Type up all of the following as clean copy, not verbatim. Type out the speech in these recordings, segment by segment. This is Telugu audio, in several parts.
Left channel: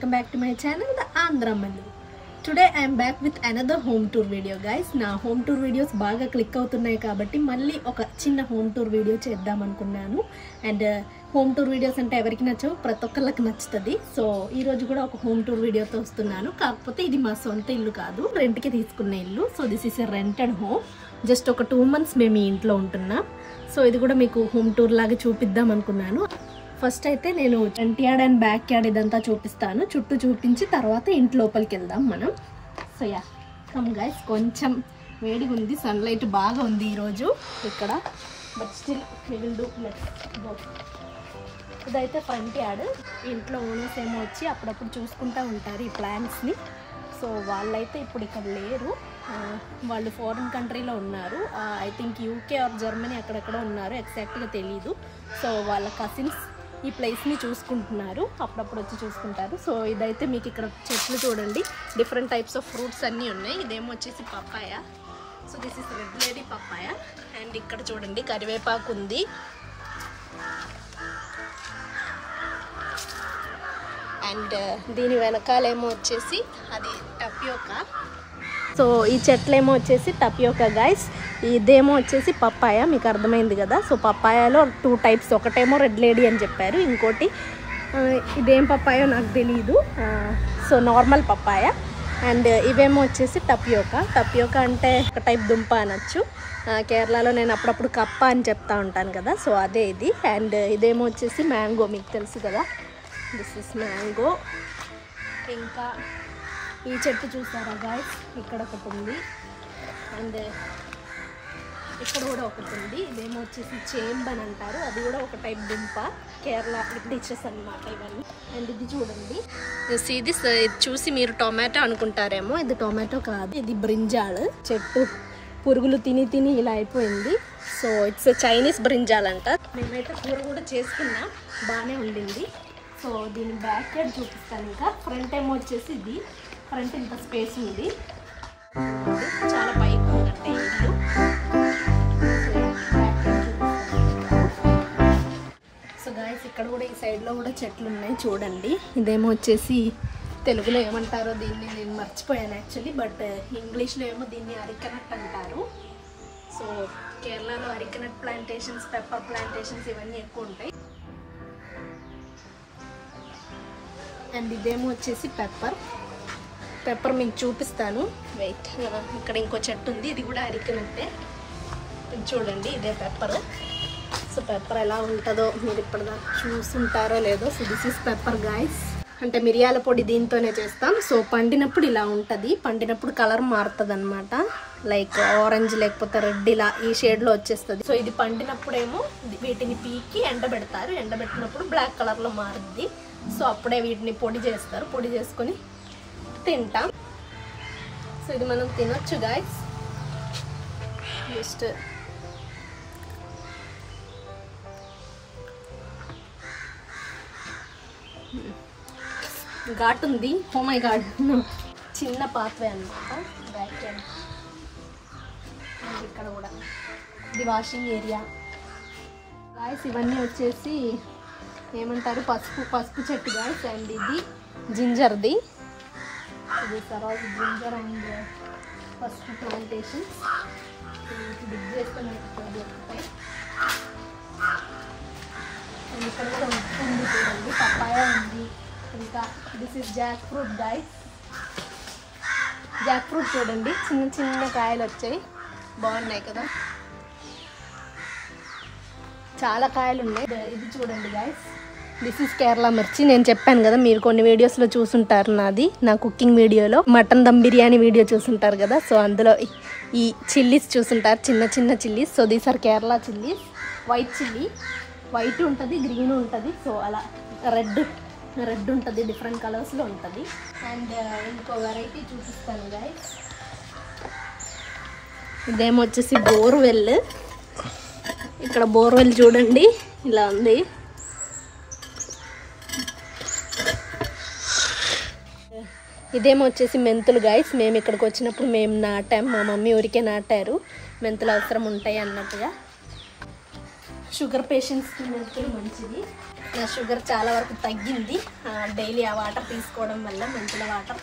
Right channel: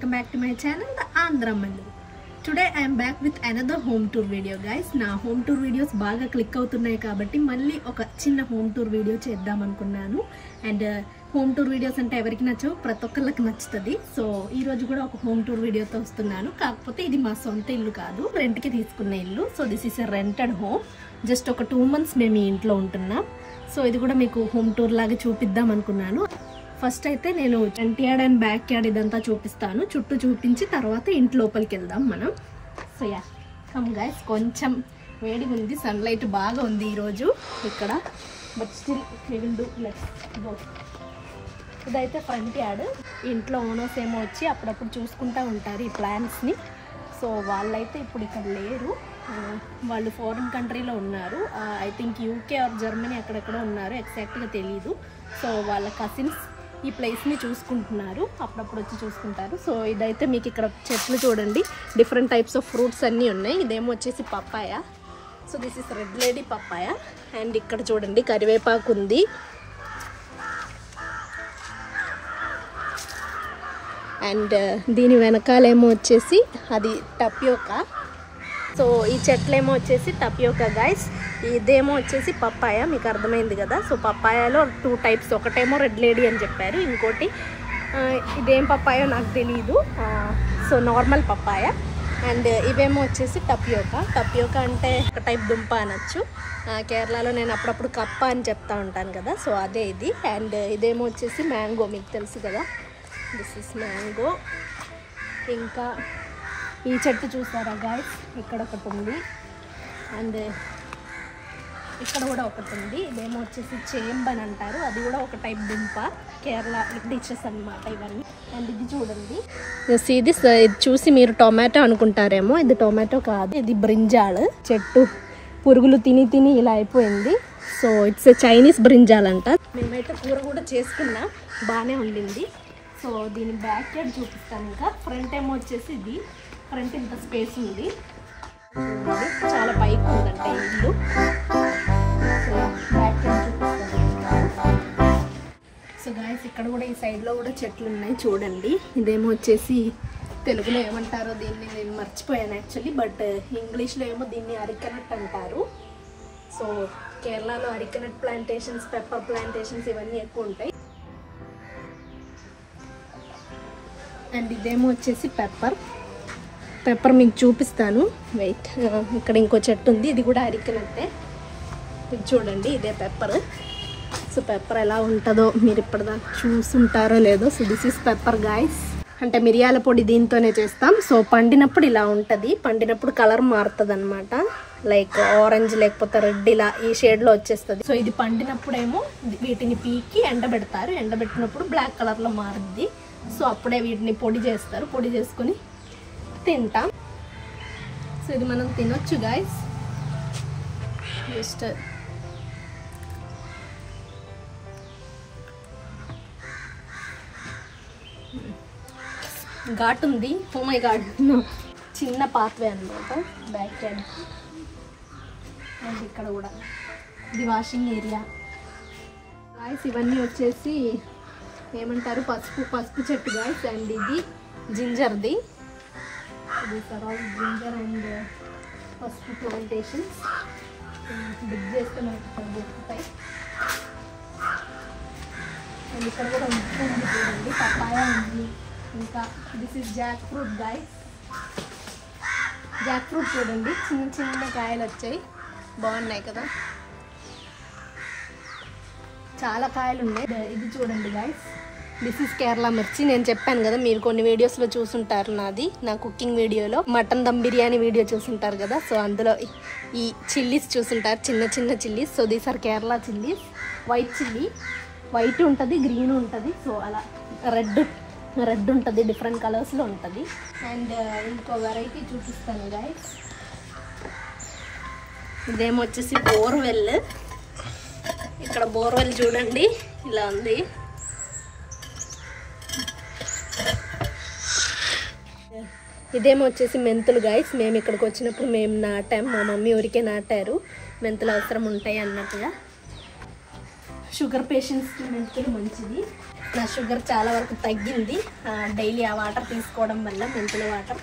welcome back to my channel, The Andhra Mallu. Today I am back with another home tour video, guys. Na home tour videos baga click avutunnayi kabatti malli oka chinna home tour video cheddam anukunnanu and home tour videos ante evariki nachavu prati okkallaki nachutadi. So ee roju kuda oka home tour video tho vastunnanu, kaapothe idi ma sonta illu kaadu, rent ki teeskunna illu. So this is a rented home. Just oka 2 months memi intlo untunnam. So ఇది కూడా మీకు హోమ్ టూర్ లాగా చూపిద్దాం అనుకున్నాను. ఫస్ట్ అయితే నేను front yard and back yard ఇదంతా చూపిస్తాను. చుట్టూ చూపించి తర్వాత ఇంటి లోపలికి వెళ్దాం మనం. So yeah come guys. కొంచెం వేడిగా ఉంది, సన్లైట్ బాగా ఉంది ఈరోజు ఇక్కడ, but still we will do. Let's go. ఇదైతే ఫ్రంట్ యార్డ్. ఇంట్లో ఓనర్స్ ఏమో వచ్చి అప్పుడప్పుడు చూసుకుంటూ ఉంటారు ఈ ప్లాంట్స్ని. సో వాళ్ళైతే ఇప్పుడు ఇక్కడ లేరు, వాళ్ళు ఫారిన్ కంట్రీలో ఉన్నారు. I think UK or Germany అక్కడెక్కడ ఉన్నారు, ఎగ్జాక్ట్గా తెలీదు. సో వాళ్ళ కజిన్స్ ఈ ప్లేస్ని చూసుకుంటున్నారు, అప్పుడప్పుడు వచ్చి చూసుకుంటారు. సో ఇదైతే మీకు ఇక్కడ చెట్లు చూడండి, డిఫరెంట్ టైప్స్ ఆఫ్ ఫ్రూట్స్ అన్నీ ఉన్నాయి. ఇదేమో వచ్చేసి papaya. So this is red lady papaya. And ఇక్కడ చూడండి కరివేపాకు ఉంది. అండ్ దీని వెనకాలేమో వచ్చేసి అది టపియోకా. సో ఈ చెట్లేమో వచ్చేసి టపియోకా గైస్. ఇదేమో వచ్చేసి పప్పాయ, మీకు అర్థమైంది కదా. సో పప్పాయలో 2 టైప్స్, ఒకటేమో రెడ్ లేడీ అని చెప్పారు, ఇంకోటి ఇదేం పప్పాయో నాకు తెలియదు. So normal papaya. అండ్ ఇవేమో వచ్చేసి టపియోకా. టపియోకా అంటే ఒక టైప్ దుంప అనొచ్చు. కేరళలో నేను అప్పుడప్పుడు కప్ప అని చెప్తా ఉంటాను కదా, సో అదే ఇది. అండ్ ఇదేమో వచ్చేసి మ్యాంగో, మీకు తెలుసు కదా, దిస్ ఇస్ మ్యాంగో. ఇంకా ఈ చెట్టు చూసారా గాయస్, ఇక్కడ ఒకటి ఉంది అండ్ ఇక్కడ కూడా ఒకటి ఉంది. ఇదేమో వచ్చేసి చేంబ్ అని అంటారు, అది కూడా ఒక టైప్ దుంప, కేరళ డిషెస్ అన్నమాట ఇవన్నీ. అండ్ ఇది చూడండి, ఇది చూసి మీరు టొమాటో అనుకుంటారేమో, ఇది టొమాటో కాదు, ఇది బ్రింజాల్ చెట్టు. పురుగులు తిని తిని ఇలా అయిపోయింది. సో ఇట్స్ చైనీస్ బ్రింజాల్ అంట. నేనైతే కూర కూడా చేసుకున్నా, బాగానే ఉండింది. సో దీని బ్యాక్ యార్డ్ చూపిస్తాను. ఇంకా ఫ్రంట్ ఏమో వచ్చేసి ఇది, ఫ్రంట్ ఇంత స్పేస్ ఉంది, చాలా పైకి ఉందంటే ఇల్లు. బ్యాక్ యార్డ్ చూపిస్తాను. సో గాయస్ ఇక్కడ కూడా ఈ సైడ్లో కూడా చెట్లు ఉన్నాయి చూడండి. ఇదేమో వచ్చేసి తెలుగులో ఏమంటారో దీన్ని నేను మర్చిపోయాను యాక్చువల్లీ, బట్ ఇంగ్లీష్లో ఏమో దీన్ని అరికెనట్ అంటారు. సో కేరళలో అరికెనట్ ప్లాంటేషన్స్, పెప్పర్ ప్లాంటేషన్స్ ఇవన్నీ ఎక్కువ ఉంటాయి. అండ్ ఇదేమో వచ్చేసి పెప్పర్ మీకు చూపిస్తాను, వెయిట్. ఇక్కడ ఇంకో చెట్టు ఉంది, ఇది కూడా అరికెనట్టే. ఇది చూడండి, ఇదే పెప్పర్. సో పెప్పర్ ఎలా ఉంటుందో మీరు ఇప్పటిదాకా చూసుంటారో లేదో. So this is pepper guys. అంటే మిరియాల పొడి దీంతోనే చేస్తాం. సో పండినప్పుడు ఇలా ఉంటుంది, పండినప్పుడు కలర్ మారుతుంది అనమాట, లైక్ ఆరెంజ్ లేకపోతే రెడ్, ఇలా ఈ షేడ్లో వచ్చేస్తుంది. సో ఇది పండినప్పుడేమో వీటిని పీకి ఎండబెడతారు, ఎండబెట్టినప్పుడు బ్లాక్ కలర్లో మారుద్ది. సో అప్పుడే వీటిని పొడి చేస్తారు, పొడి చేసుకొని తింటాం. సో ఇది మనం తినొచ్చు గాయస్. జస్ట్ ఘాట్ ఉంది. ఓ మై గాడ్, చిన్న పాత్వే అనమాట బ్యాక్ ఎండ్. అండ్ ఇక్కడ కూడా ఇది వాషింగ్ ఏరియా గాయస్. ఇవన్నీ వచ్చేసి ఏమంటారు, పసుపు చెట్టు గాయస్. అండ్ ఇది జింజర్ది, జింజర్ అండ్ పసుపు ప్లాంటేషన్స్. బిగ్ చేస్తే మనకు దొరుకుతాయి. అండ్ ఇక్కడ కూడా ఉంది చూడండి, పప్పాయ ఉంది. ఇంకా this is Jack fruit guys. Jack fruit చూడండి, చిన్న చిన్న కాయలు వచ్చాయి, బాగున్నాయి కదా, చాలా కాయలు ఉన్నాయి. ఇది చూడండి గాయస్, దిస్ ఇస్ కేరళ మిర్చి. నేను చెప్పాను కదా, మీరు కొన్ని వీడియోస్లో చూసుంటారు, నా కుకింగ్ వీడియోలో మటన్ దమ్ బిర్యానీ వీడియో చూసుంటారు కదా. సో అందులో ఈ చిల్లీస్ చూసుంటారు, చిన్న చిన్న chillies. So these are Kerala chillies. White chilli, white ఉంటుంది, గ్రీన్ ఉంటుంది. సో అలా రెడ్ ఉంటుంది, డిఫరెంట్ కలర్స్లో ఉంటుంది. అండ్ ఇంకో వెరైటీ చూపిస్తాను గాయస్. ఇదేమో వచ్చేసి బోర్వెల్. ఇక్కడ బోర్వెల్ చూడండి ఇలా ఉంది. ఇదేమో వచ్చేసి మెంతులు గాయస్. మేము ఇక్కడికి వచ్చినప్పుడు మేము నాటాం, మా మమ్మీ ఊరికే నాటారు, మెంతులు అవసరం ఉంటాయి అన్నట్టుగా. షుగర్ పేషెంట్స్కి మెంతులు మంచిది. నా షుగర్ చాలా వరకు తగ్గింది డైలీ ఆ వాటర్ తీసుకోవడం వల్ల, మెంతుల water.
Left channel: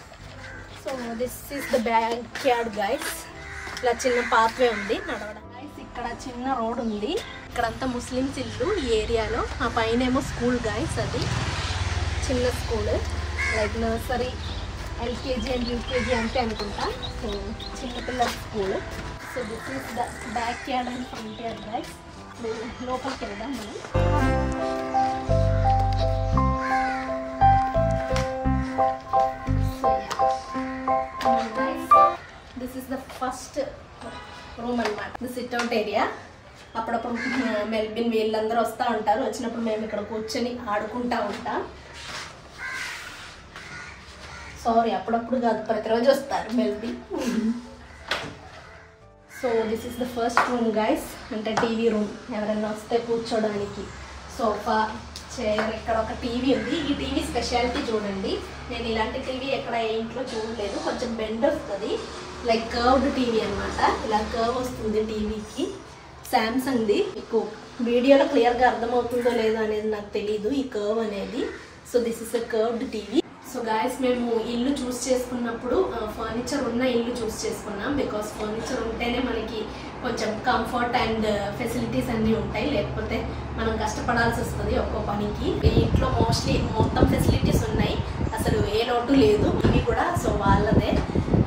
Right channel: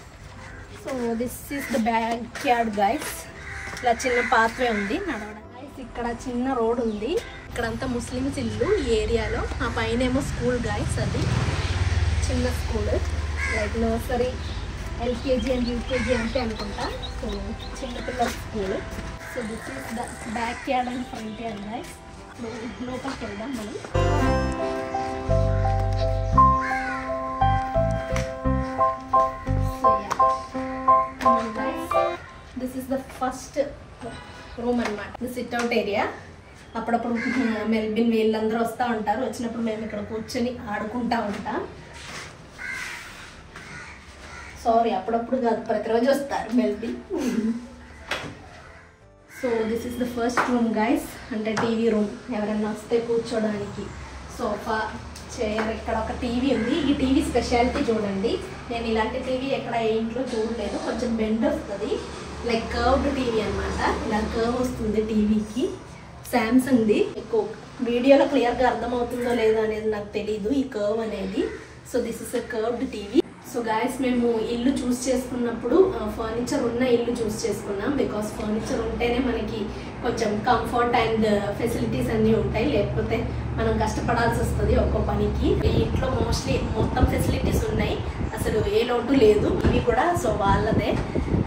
So this is the back yard guys. ఇలా చిన్న పాత్వే ఉంది నడవడం. ఇక్కడ చిన్న రోడ్ ఉంది. ఇక్కడంతా ముస్లిమ్స్ ఇల్లు ఈ ఏరియాలో. ఆ పైన ఏమో స్కూల్ గైస్, అది చిన్న school like nursery, LKG and UKG అంటే అనుకుంటా. సో చిన్నపిల్లల school. So this is the back yard and front yard guys. లోపలికి వెళ్దాం మనం. So this is the first room అన్నమాట. The sit out area. అప్పుడప్పుడు మెల్బిన్ వీళ్ళందరూ వస్తూ ఉంటారు. వచ్చినప్పుడు మేము ఇక్కడ కూర్చొని ఆడుకుంటా ఉంటాం. సారీ, అప్పుడప్పుడు కాదు, ప్రతిరోజు వస్తారు Melbin. So this is the first room guys. అంటే టీవీ రూమ్. ఎవరైనా వస్తే కూర్చోడానికి సోఫా, చైర్. ఇక్కడ ఒక టీవీ ఉంది. ఈ టీవీ స్పెషాలిటీ చూడండి. నేను ఇలాంటి టీవీ ఎక్కడ ఏ ఇంట్లో చూడలేదు. కొంచెం బెండ్ వస్తుంది, లైక్ కర్వ్డ్ టీవీ అనమాట. ఇలా కర్వ్ వస్తుంది టీవీకి. శాంసంగ్ది. ఎక్కువ వీడియోలో క్లియర్గా అర్థమవుతుందో లేదో అనేది నాకు తెలీదు ఈ కర్వ్ అనేది. So this is a curved TV. So guys, మేము ఇల్లు చూస్ చేసుకున్నప్పుడు ఫర్నిచర్ ఉన్న ఇల్లు చూస్ చేసుకున్నాం. బికాస్ ఫర్నిచర్ ఉంటేనే మనకి కొంచెం కంఫర్ట్ అండ్ ఫెసిలిటీస్ అన్నీ ఉంటాయి. లేకపోతే మనం కష్టపడాల్సి వస్తుంది ఒక్కో పనికి. ఈ ఇంట్లో మోస్ట్లీ మొత్తం ఫెసిలిటీస్ ఉన్నాయి, అసలు ఏ లోటు లేదు. ఇవి కూడా సో వాళ్ళదే.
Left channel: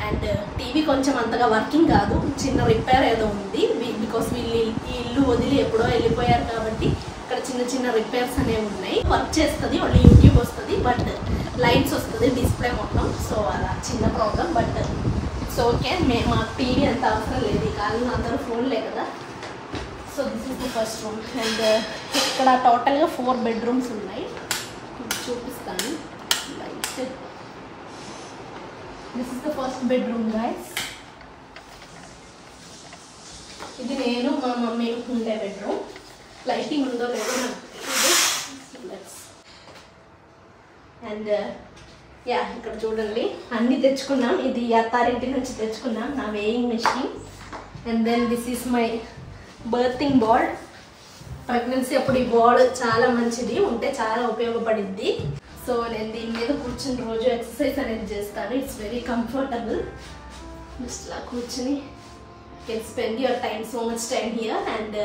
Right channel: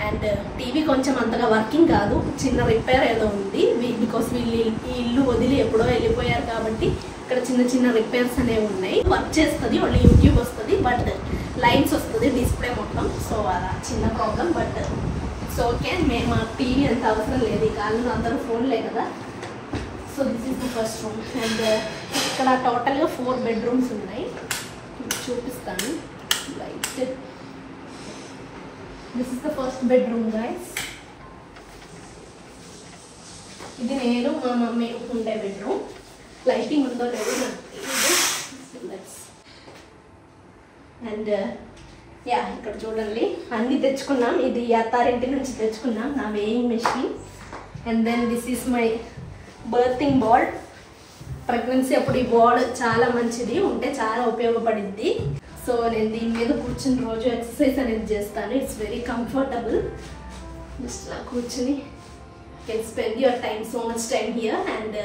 అండ్ టీవీ కొంచెం అంతగా వర్కింగ్ కాదు, చిన్న రిపేర్ ఏదో ఉంది. బికాస్ వీళ్ళు ఈ ఇల్లు వదిలి ఎప్పుడో వెళ్ళిపోయారు కాబట్టి ఇక్కడ చిన్న చిన్న రిపేర్స్ అనేవి ఉన్నాయి. వర్క్ చేస్తుంది, ఓన్లీ యూట్యూబ్ వస్తుంది, బట్ లైన్స్ వస్తుంది డిస్ప్లే మొత్తం. సో అలా చిన్న ప్రాబ్లం, బట్ ఇట్స్ ఓకే. మాకు టీవీ అంత అవసరం లేదు, ఈ కాలంలో అందరూ ఫోన్లే కదా. So this is the first room. And ఇక్కడ టోటల్గా 4 బెడ్రూమ్స్ ఉన్నాయి. చూపిస్తాను light. This is the first bedroom guys. ఇది నేను మా మమ్మీ ఉండే బెడ్రూమ్. లైటింగ్ ఉందో లేదో నాకు తెలియదు. అండ్ యా, ఇక్కడ చూడండి అన్నీ తెచ్చుకున్నాం. ఇది అత్తారింటి నుంచి తెచ్చుకున్నాం, నా weighing machine. And then this is my birthing board. ప్రెగ్నెన్సీ అప్పుడు ఈ బార్డ్ చాలా మంచిది, ఉంటే చాలా ఉపయోగపడింది. సో నేను దీని మీద కూర్చుని రోజు ఎక్సర్సైజ్ అనేది చేస్తాను. It's very comfortable. జస్ట్ ఇలా కూర్చుని can spend your time, so much time here. And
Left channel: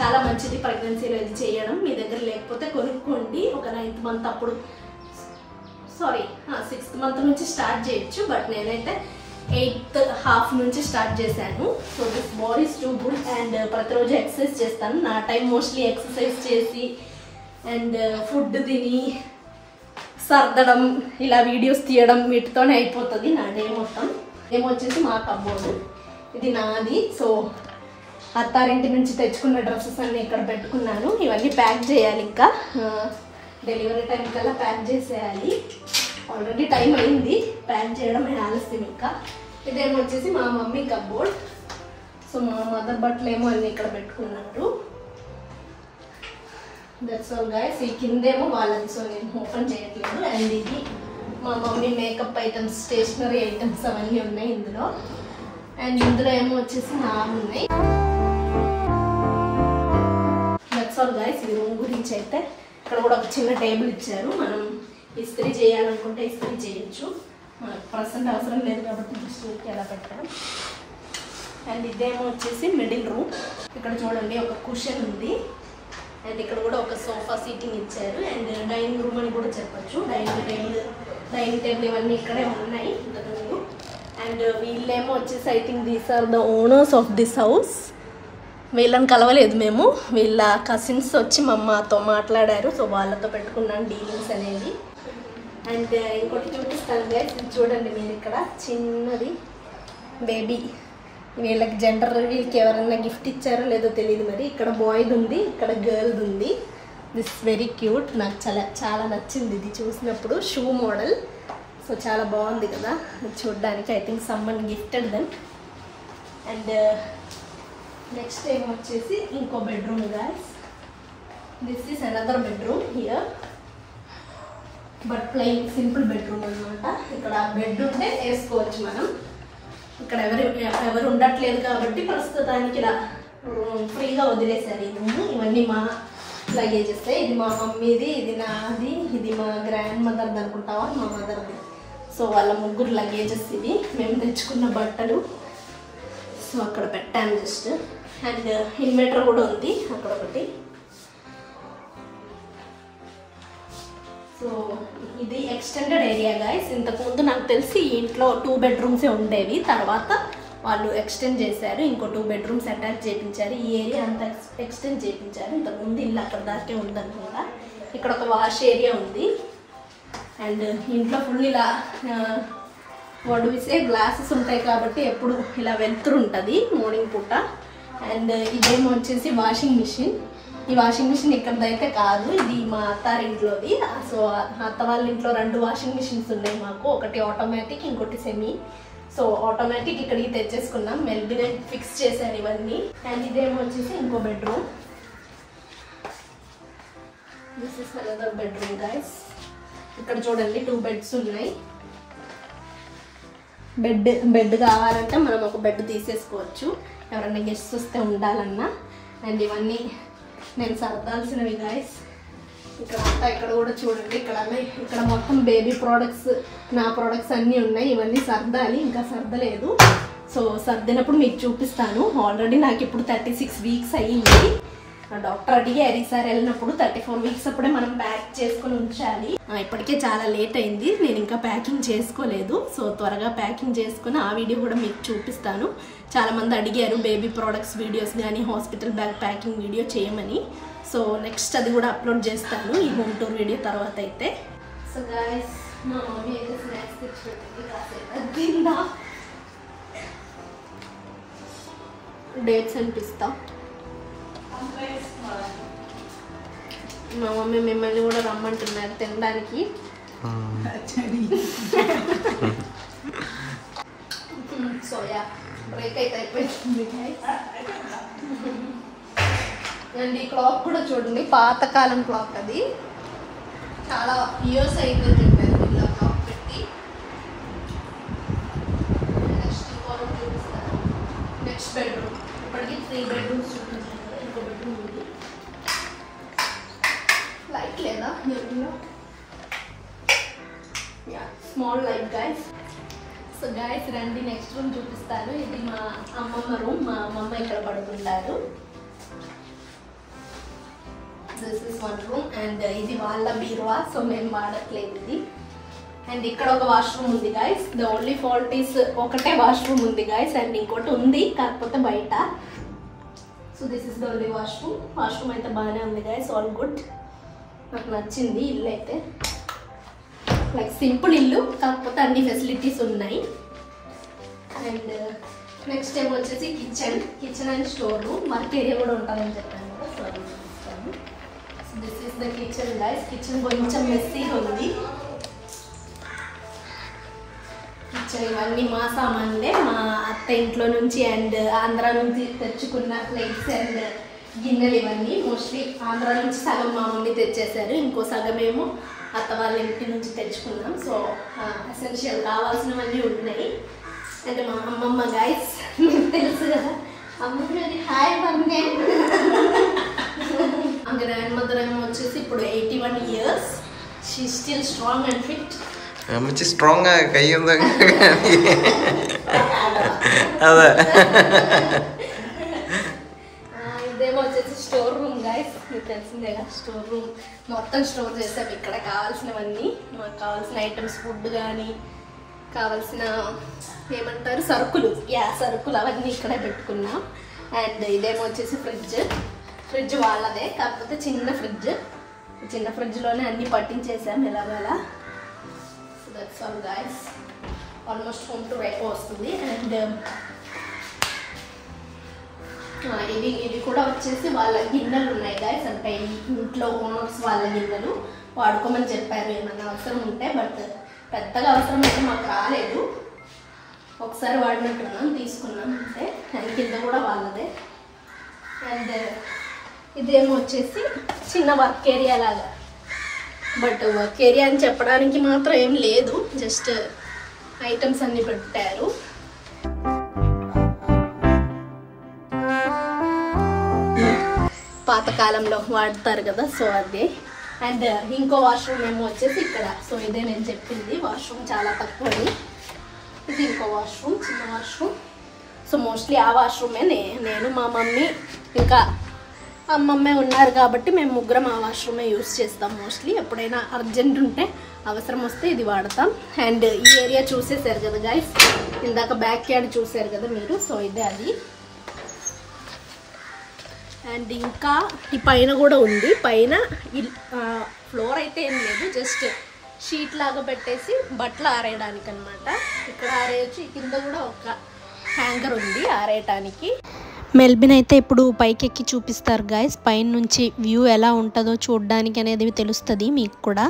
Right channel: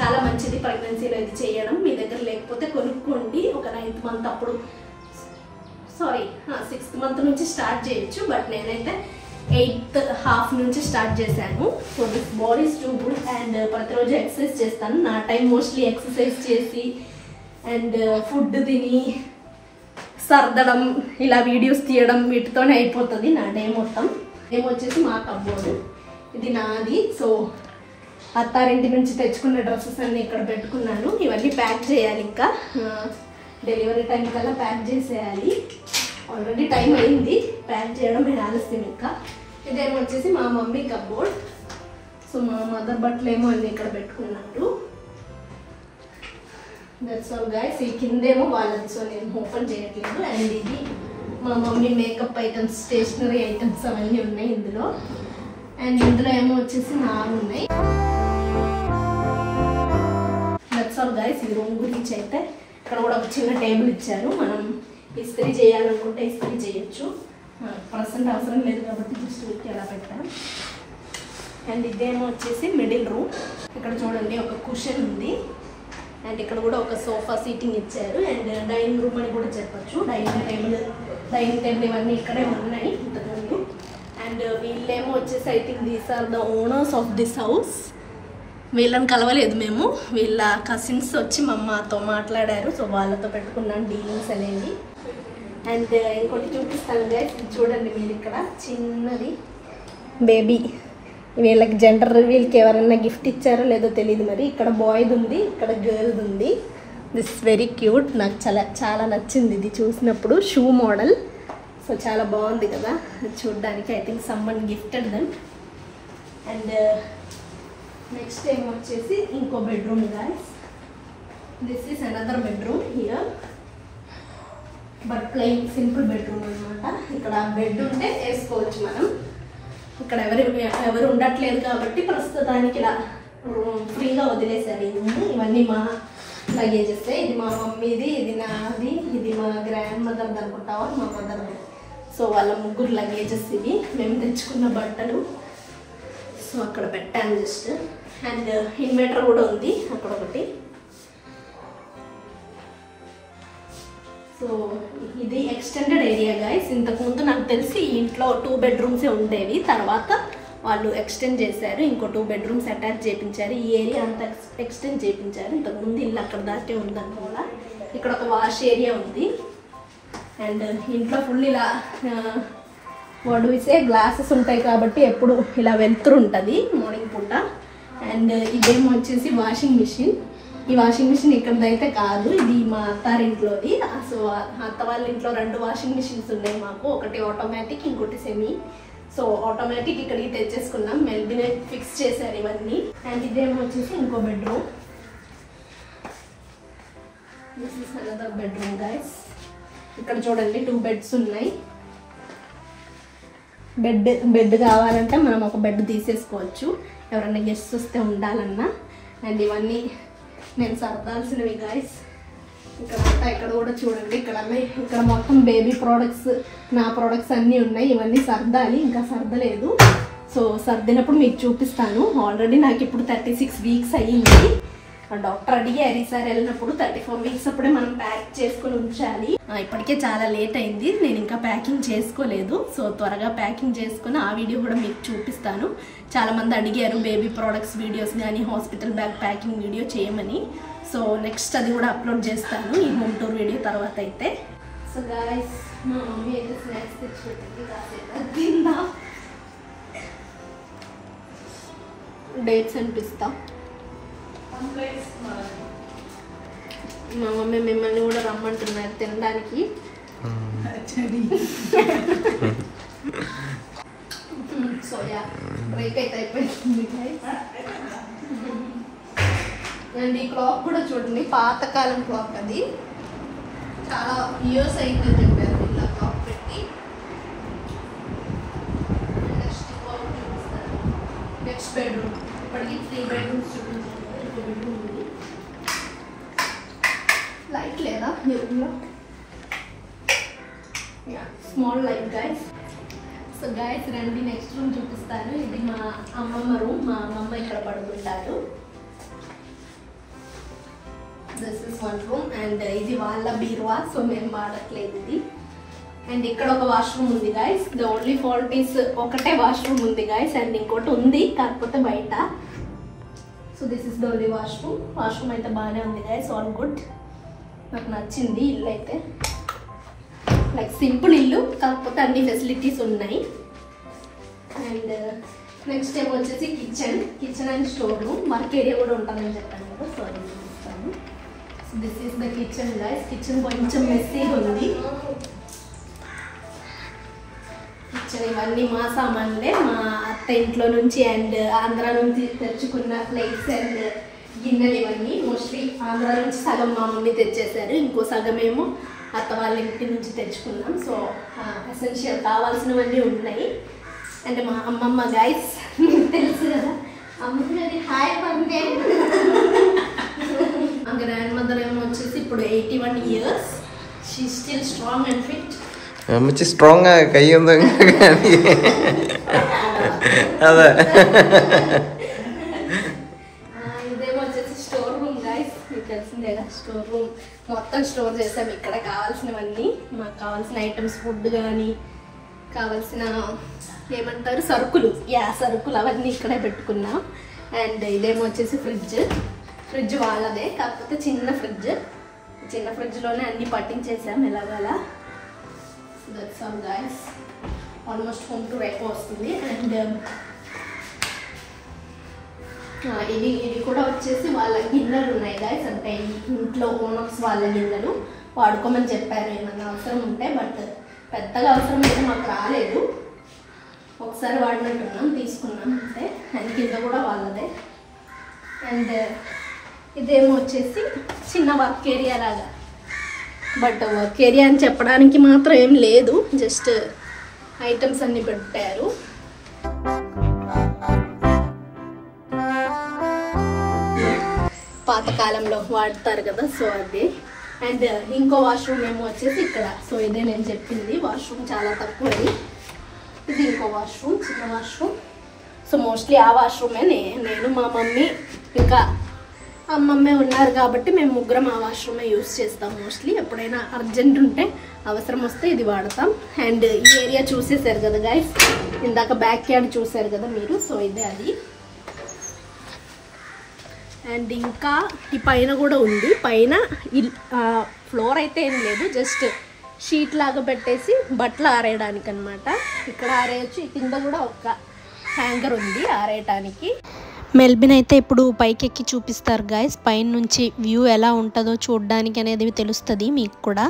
చాలా మంచిది ప్రెగ్నెన్సీలో ఇది చేయడం. మీ దగ్గర లేకపోతే కొనుక్కోండి. ఒక 9th మంత్ అప్పుడు, సారీ 6th మంత్ నుంచి స్టార్ట్ చేయొచ్చు, బట్ నేనైతే 8th half నుంచి స్టార్ట్ చేశాను. So this body is too good. And ప్రతిరోజు ఎక్సర్సైజ్ చేస్తాను. నా టైం మోస్ట్లీ ఎక్సర్సైజ్ చేసి అండ్ ఫుడ్ తిని సర్దడం, ఇలా వీడియోస్ తీయడం, వీటితోనే అయిపోతుంది నా డే మొత్తం. ఏమొచ్చేసి మా కబ్బోర్డు, ఇది నాది. సో అత్తారింటి నుంచి తెచ్చుకున్న డ్రెస్సెస్ అన్నీ ఇక్కడ పెట్టుకున్నాను. ఇవన్నీ ప్యాక్ చేయాలి, ఇంకా డెలివరీ టైం కల్లా ప్యాక్ చేసేయాలి. ఆల్రెడీ టైం అయింది, ప్యాక్ చేయడం ఆలస్యం. ఇంకా ఇదేమొచ్చేసి మా మమ్మీ కబ్బోర్డ్. సో మా మదర్ బట్టలు ఏమో అన్నీ ఇక్కడ పెట్టుకున్నారు. That's all guys. ఈ కిందేమో వాళ్ళది, సో నేను ఓపెన్ చేయట్లేదు. అండ్ ఇది మా mummy makeup items, stationery items అవన్నీ ఉన్నాయి ఇందులో. అండ్ ఇందులో ఏమో వచ్చేసి నావి ఉన్నాయి. That's all guys. ఈ రూమ్ గురించి అయితే ఇక్కడ కూడా ఒక చిన్న టేబుల్ ఇచ్చారు. మనం ఇస్త్రీ చేయాలనుకుంటే ఇస్త్రీ చేయొచ్చు. ప్రజెంట్ అవసరం లేదు కాబట్టి జస్ట్ ఊరికి అలా పెట్టాం. అండ్ ఇదేమో వచ్చేసి మిడిల్ రూమ్. ఇక్కడ చూడండి ఒక కుషన్ ఉంది. అండ్ ఇక్కడ కూడా ఒక సోఫా సీటింగ్ ఇచ్చారు. అండ్ డైనింగ్ రూమ్ అని కూడా చెప్పొచ్చు. డైనింగ్ టేబుల్ ఇవన్నీ ఇక్కడే ఉన్నాయి ఇంతకుముందు. అండ్ వీళ్ళేమో వచ్చేసి I think these are the owners of this house. వీళ్ళని కలవలేదు మేము, వీళ్ళ కజిన్స్ వచ్చి మా అమ్మతో మాట్లాడారు. సో వాళ్ళతో పెట్టుకున్నాను డీలింగ్స్ అనేది. అండ్ ఇంకోటి చూపిస్తాను గైస్, చూడండి మీరు ఇక్కడ చిన్నది బేబీ. వీళ్ళకి జెండర్ రివీల్కి ఎవరైనా గిఫ్ట్ ఇచ్చారో లేదో తెలియదు మరి. ఇక్కడ బాయ్ది ఉంది, ఇక్కడ గర్ల్ది ఉంది. This is very cute. నాకు చాలా నచ్చింది ఇది చూసినప్పుడు. Shoe model. సో చాలా బాగుంది కదా చూడడానికి. I think someone gifted them. And next ఏం వచ్చేసి ఇంకో bedroom guys. This is another bedroom here, but plain simple bedroom అనమాట. ఇక్కడ బెడ్ ఉంటే వేసుకోవచ్చు మనం. ఇక్కడ ఎవరు ఉండట్లేదు కాబట్టి ప్రస్తుతానికి ఇలా ఫ్రీగా వదిలేశారు ఈ రూమ్. ఇవన్నీ మా లగేజెస్. ఇది మా మమ్మీది, ఇది నాది, ఇది మా గ్రాండ్ మదర్ది అనుకుంటావా, మా మదర్ది. సో వాళ్ళ ముగ్గురు లగేజెస్ ఇవి. మేము తెచ్చుకున్న బట్టలు సో అక్కడ పెట్టాను జస్ట్. అండ్ ఇన్వర్టర్ కూడా ఉంది అక్కడ ఒకటి. సో ఇది ఎక్స్టెండెడ్ ఏరియా గైస్. ఇంతకుముందు నాకు తెలిసి ఇంట్లో 2 బెడ్రూమ్సే ఉండేవి, తర్వాత వాళ్ళు ఎక్స్టెండ్ చేశారు, ఇంకో 2 బెడ్రూమ్స్ అటాచ్ చేయించారు. ఈ ఏరియా అంతా ఎక్స్టెండ్ చేయించారు. ఇంతకుముందు ఇల్లు అక్కడ దాకే ఉందనుకుంటా. ఇక్కడ ఒక వాష్ ఏరియా ఉంది. అండ్ ఇంట్లో ఫుల్ ఇలా వడిసే గ్లాసెస్ ఉంటాయి కాబట్టి ఎప్పుడు ఇలా వెళ్తురు ఉంటుంది మార్నింగ్ పూట. అండ్ ఇదేమో వచ్చేసి వాషింగ్ మిషన్. ఈ వాషింగ్ మిషన్ ఇక్కడదైతే కాదు, ఇది మా అత్తారింట్లోది. సో అత్త వాళ్ళ ఇంట్లో 2 వాషింగ్ మిషన్స్ ఉన్నాయి మాకు, ఒకటి ఆటోమేటిక్, ఇంకోటి సెమీ. సో ఆటోమేటిక్ ఇక్కడికి తెచ్చేసుకున్నాం. మెల్బినే ఫిక్స్ చేశారు ఇవన్నీ. అండ్ ఇదేమో వచ్చేసి ఇంకో bedroom. This is another bedroom guys. ఇక్కడ చూడండి 2 బెడ్స్ ఉన్నాయి. బెడ్ కావాలంటే మనం ఒక బెడ్ తీసేసుకోవచ్చు ఎవరైనా గెస్ట్స్ వస్తే ఉండాలన్నా. అండ్ ఇవన్నీ నేను సర్దాల్సినవి గైస్. ఇక్కడ కూడా చూడండి, ఇక్కడ మొత్తం బేబీ ప్రోడక్ట్స్, నా ప్రోడక్ట్స్ అన్నీ ఉన్నాయి. ఇవన్నీ సర్దాలి, ఇంకా సర్దలేదు. సో సర్దినప్పుడు మీకు చూపిస్తాను. ఆల్రెడీ నాకు ఇప్పుడు 36 వీక్స్ అయ్యింది. డాక్టర్ అడిగారు ఈసారి వెళ్ళినప్పుడు 34 వీక్స్ అప్పుడే మనం ప్యాక్ చేసుకుని ఉంచాలి. ఇప్పటికే చాలా లేట్ అయింది, నేను ఇంకా ప్యాకింగ్ చేసుకోలేదు. సో త్వరగా ప్యాకింగ్ చేసుకుని ఆ వీడియో కూడా మీకు చూపిస్తాను. చాలా మంది అడిగారు బేబీ ప్రోడక్ట్స్ వీడియోస్ కానీ హాస్పిటల్ బ్యాగ్ ప్యాకింగ్ వీడియో చేయమని. సో నెక్స్ట్ అది కూడా అప్లోడ్ చేస్తాను ఈ హోమ్ టూర్ వీడియో తర్వాత అయితే. సో గైస్ మా మమ్మీ అయితే స్నాక్స్ తెచ్చిపెట్టింది, కాసేపు తిందా. డేట్స్ అనిపిస్తా. మా మమ్మీ మిమ్మల్ని కూడా రమ్మంటున్నారు తినడానికి. సో యా బ్రేక్ అయితే అయిపోయింది. అండ్ ఈ క్లాక్ కూడా చూడండి, పాతకాలం క్లాక్. అది చాలా ఇయర్స్ అయిపోయింది ఇలా క్లాక్ పెట్టి. Next bedroom. ఇప్పటికి 3 బెడ్రూమ్స్ చూపించాను. ఇంకో బెడ్రూమ్ ఉంది. లైట్ లేదా small light guys. So guys రండి నెక్స్ట్ రూమ్ చూపిస్తాను. ఇది మా అమ్మమ్మ రూమ్. మా అమ్మమ్మ ఇక్కడ పడుకుంటారు. This is 1 room. అండ్ ఇది వాళ్ళ బీరువా, సో నేను వాడట్లేదు ఇది. అండ్ ఇక్కడ ఒక వాష్రూమ్ ఉంది guys. The only fault is ఒకటే వాష్రూమ్ ఉంది గైస్. అండ్ ఇంకోటి ఉంది కాకపోతే బయట. So this is the only washroom. Washroom అయితే బాగానే ఉంది గైస్, ఆల్ గుడ్. నాకు నచ్చింది ఇల్లు అయితే. లైక్ సింపుల్ ఇల్లు కాకపోతే అన్ని ఫెసిలిటీస్ ఉన్నాయి. అండ్ నెక్స్ట్ టైం వచ్చేసి kitchen and store room. Work area కూడా ఉంటుందని చెప్పాను కదా, సో అది చూపిస్తాను. So this is the kitchen guys. Kitchen కొంచెం మెస్సీగా ఉంది. కిచెన్ ఇవన్నీ మా సామాన్లే, మా అత్త ఇంట్లో నుంచి అండ్ ఆంధ్ర నుంచి తెచ్చుకున్న ప్లేట్స్ అండ్ గిన్నెలు. ఇవన్నీ మోస్ట్లీ ఆంధ్ర నుంచి సగం మా మమ్మీ తెచ్చేసారు, ఇంకో సగం ఏమో అత్త వాళ్ళ ఇంటి నుంచి తెచ్చుకున్నాం. సో ఎసెన్షియల్ కావాల్సినవన్నీ ఉన్నాయి. అండ్ మా అమ్మమ్మ గైస్ మీకు తెలుసు కదా, అమ్మది హాయ్ పండే. గ్రాండ్ మదర్ ఏమో వచ్చేసి ఇప్పుడు 81 years. She still strong and fit. అమ్మచ్చి స్ట్రాంగ్ కయ్యి ఉందా కానీ అదే. ఇదేమో వచ్చేసి స్టోర్ రూమ్ గైస్. మీకు తెలిసిందే కదా, స్టోర్ రూమ్ మొత్తం స్టోర్ చేసాం. ఇక్కడ కావాల్సినవన్నీ, మాకు కావాల్సిన ఐటమ్స్, ఫుడ్ కానీ కావాల్సిన ఏమంటారు సరుకులు, సరుకులు అవన్నీ ఇక్కడే పెట్టుకున్నాం. అండ్ ఇదేమో వచ్చేసి ఫ్రిడ్జ్ వాళ్ళదే, కాకపోతే చిన్న ఫ్రిడ్జ్లోనే అన్ని పట్టించేసాం ఎలాగలా. That's all guys. Almost home tour ఎక్కువ వస్తుంది. అండ్ ఇవి కూడా వచ్చేసి వాళ్ళ గిన్నెలు ఉన్నాయి గైస్. అంటే ఇంట్లో ఓనర్స్ వాళ్ళ గిన్నెలు వాడుకోమని చెప్పారు ఏమన్నా అవసరం ఉంటే. బట్ పెద్దగా అవసరం అయితే మాకు రాలేదు. ఒకసారి వాడినట్టున్నాం, తీసుకున్నాం అంతే. అండ్ కింద కూడా వాళ్ళదే. అండ్ ఇదేమో వచ్చేసి చిన్న వర్క్ ఏరియా లాగా, బట్ వర్క్ ఏరియా అని చెప్పడానికి మాత్రం ఏం లేదు, జస్ట్ ఐటమ్స్ అన్ని పెట్టారు. పాతకాలంలో వాడతారు కదా, సో అదే. అండ్ ఇంకో వాష్రూమ్ ఏమో వచ్చేసి ఇక్కడ. సో ఇదే నేను చెప్పింది, వాష్రూమ్ చాలా తక్కువది. ఇది ఇంకో వాష్రూమ్, చిన్న వాష్రూమ్. సో మోస్ట్లీ ఆ వాష్రూమే నేను మా మమ్మీ ఇంకా అమ్మమ్మే ఉన్నారు కాబట్టి మేము ముగ్గురం ఆ వాష్రూమే యూజ్ చేస్తాం మోస్ట్లీ. ఎప్పుడైనా అర్జెంట్ ఉంటే అవసరం వస్తే ఇది వాడతాం. అండ్ ఈ ఏరియా చూసేసారు కదా గైస్, ఇందాక బ్యాక్ యార్డ్ చూసారు కదా మీరు, సో ఇదే అది. అండ్ ఇంకా ఈ పైన కూడా ఉంది. పైన ఫ్లోర్ అయితే ఏం లేదు, జస్ట్ షీట్ లాగా పెట్టేసి బట్టలు ఆరేయడానికి అనమాట. ఇక్కడ ఆరేయచ్చు. కింద కూడా ఒక హ్యాంగర్ ఉంది ఆరేయటానికి. మెల్బిన్ అయితే ఇప్పుడు పైకి ఎక్కి చూపిస్తారు గైస్. పైన నుంచి వ్యూ ఎలా ఉంటుందో చూడడానికి అనేది తెలుస్తుంది మీకు కూడా.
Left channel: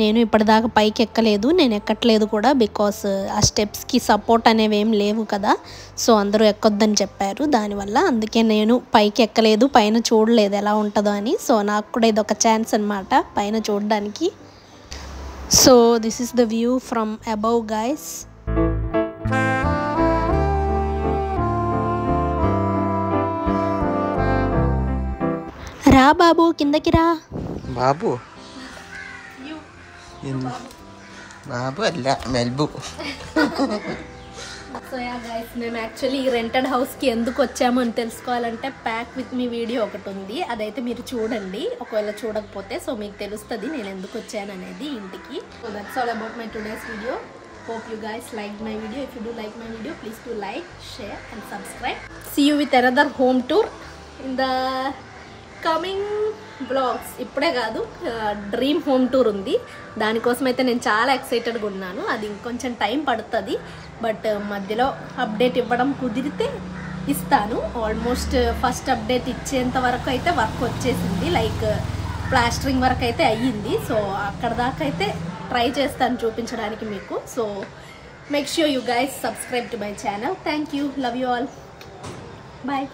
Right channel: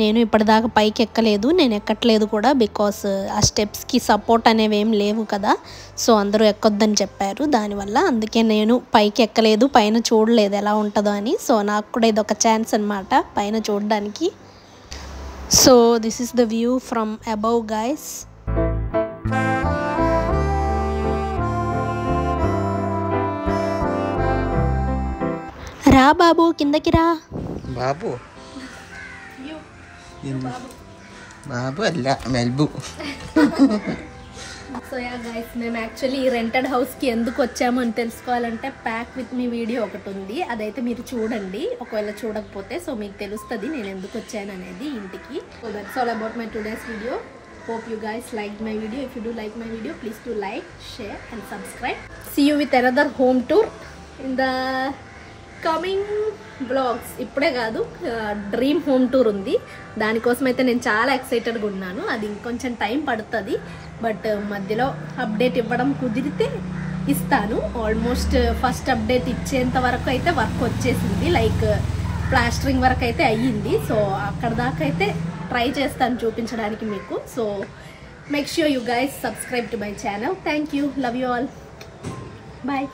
నేను ఇప్పటిదాకా పైకి ఎక్కలేదు, నేను ఎక్కట్లేదు కూడా, బికాస్ ఆ స్టెప్స్కి సపోర్ట్ అనేవి ఏం లేవు కదా. సో అందరూ ఎక్కొద్దని చెప్పారు, దానివల్ల అందుకే నేను పైకి ఎక్కలేదు, పైన చూడలేదు ఎలా ఉంటుందో అని. సో నాకు కూడా ఇది ఒక ఛాన్స్ అనమాట పైన చూడడానికి. So this is the view from above guys. రా బాబు, కిందకి రా బాబు. బాబు అല്ല మెల్బు. సో యా గైస్, మేము యాక్చువల్లీ రెంటెడ్ హౌస్కి ఎందుకు వచ్చాము అని తెలుసుకోవాలంటే ప్యాక్ విత్ మీ వీడియో ఒకటి ఉంది, అదైతే మీరు చూడండి. ఒకవేళ చూడకపోతే సో మీకు తెలుస్తుంది నేను ఎందుకు వచ్చాను అనేది ఇంటికి. So that's all about my today's video. Hope you guys liked my video. If you do like my video, please do like, share and subscribe. See you with another home tour in the coming vlogs. ఇప్పుడే కాదు, డ్రీమ్ హోమ్ టూర్ ఉంది, దానికోసం అయితే నేను చాలా ఎక్సైటెడ్గా ఉన్నాను. అది ఇంకొంచెం టైం పడుతుంది, బట్ మధ్యలో అప్డేట్ ఇవ్వడం కుదిరితే ఇస్తాను. ఆల్మోస్ట్ ఫస్ట్ అప్డేట్ ఇచ్చేంత వరకు అయితే వర్క్ వచ్చేసింది, లైక్ ప్లాస్టరింగ్ వర్క్ అయితే అయ్యింది. సో అక్కడ దాకా అయితే ట్రై చేస్తాను చూపించడానికి మీకు. So make sure you guys subscribe to my channel. Thank you, love you all, bye.